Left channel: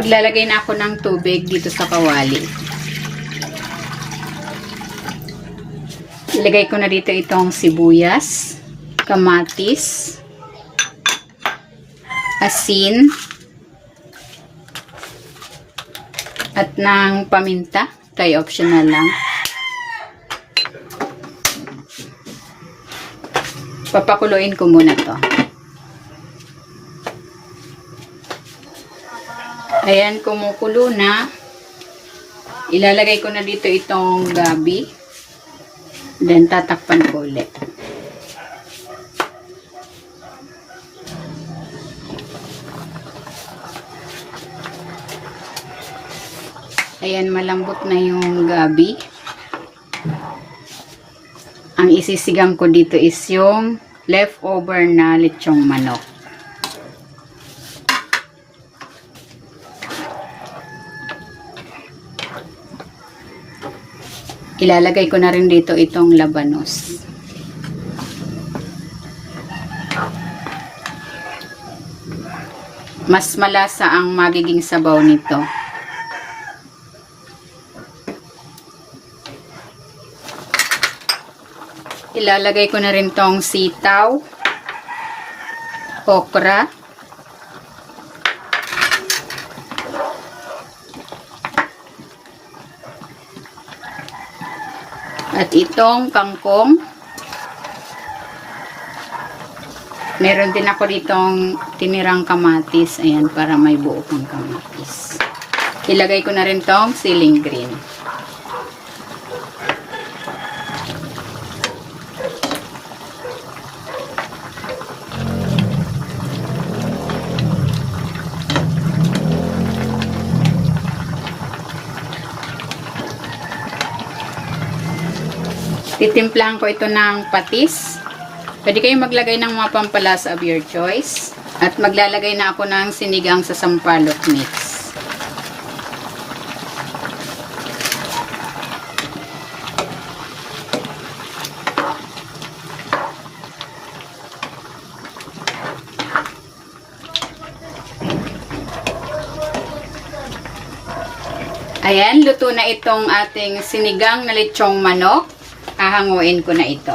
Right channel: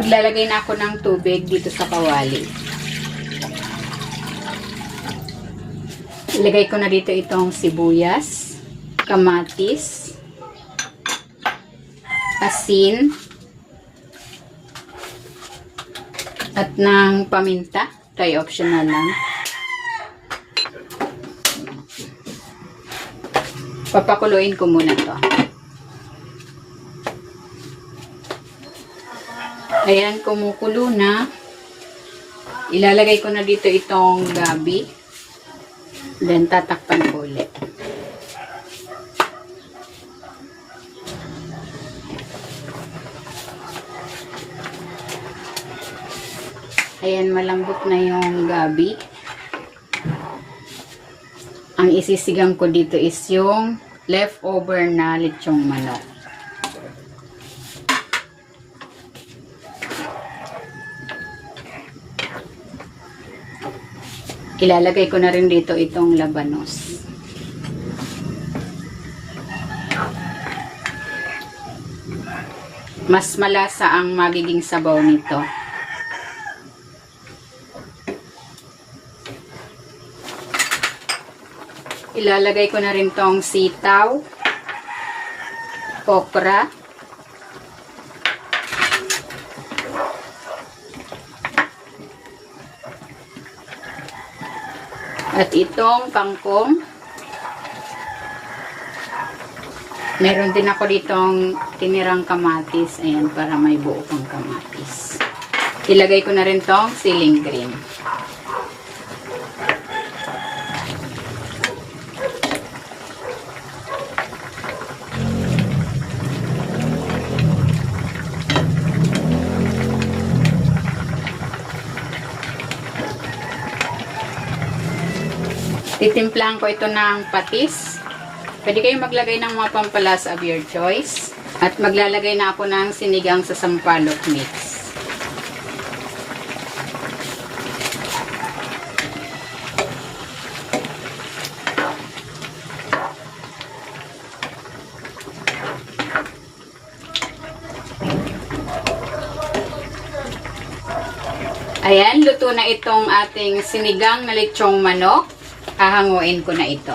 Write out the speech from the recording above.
Maglalagay na ako ng tubig dito sa kawali. Ilagay ko na dito itong sibuyas, kamatis, asin, at ng paminta. Tayo optional lang. Papakuluin ko muna to. Ayan, kumukulo na. Ilalagay ko na dito itong gabi. Then, tatakpan ko ulit. Ayan, malambot na yung gabi. Ang isisigang ko dito is yung leftover na lechong manok. Ilalagay ko na rin dito itong labanos. Mas malasa ang magiging sabaw nito. Ilalagay ko na rin tong sitaw, okra, at itong kangkong. Meron din ako ditong tinirang kamatis. Ayan, para may buo kang kamatis. Ilagay ko na rin tong siling green. Titimplahan ko ito ng patis. Pwede kayong maglagay ng mga pampalasa of your choice. At maglalagay na ako ng sinigang sa sampalok mix. Ayan, luto na itong ating sinigang na lechong manok. Hahanguin ko na ito.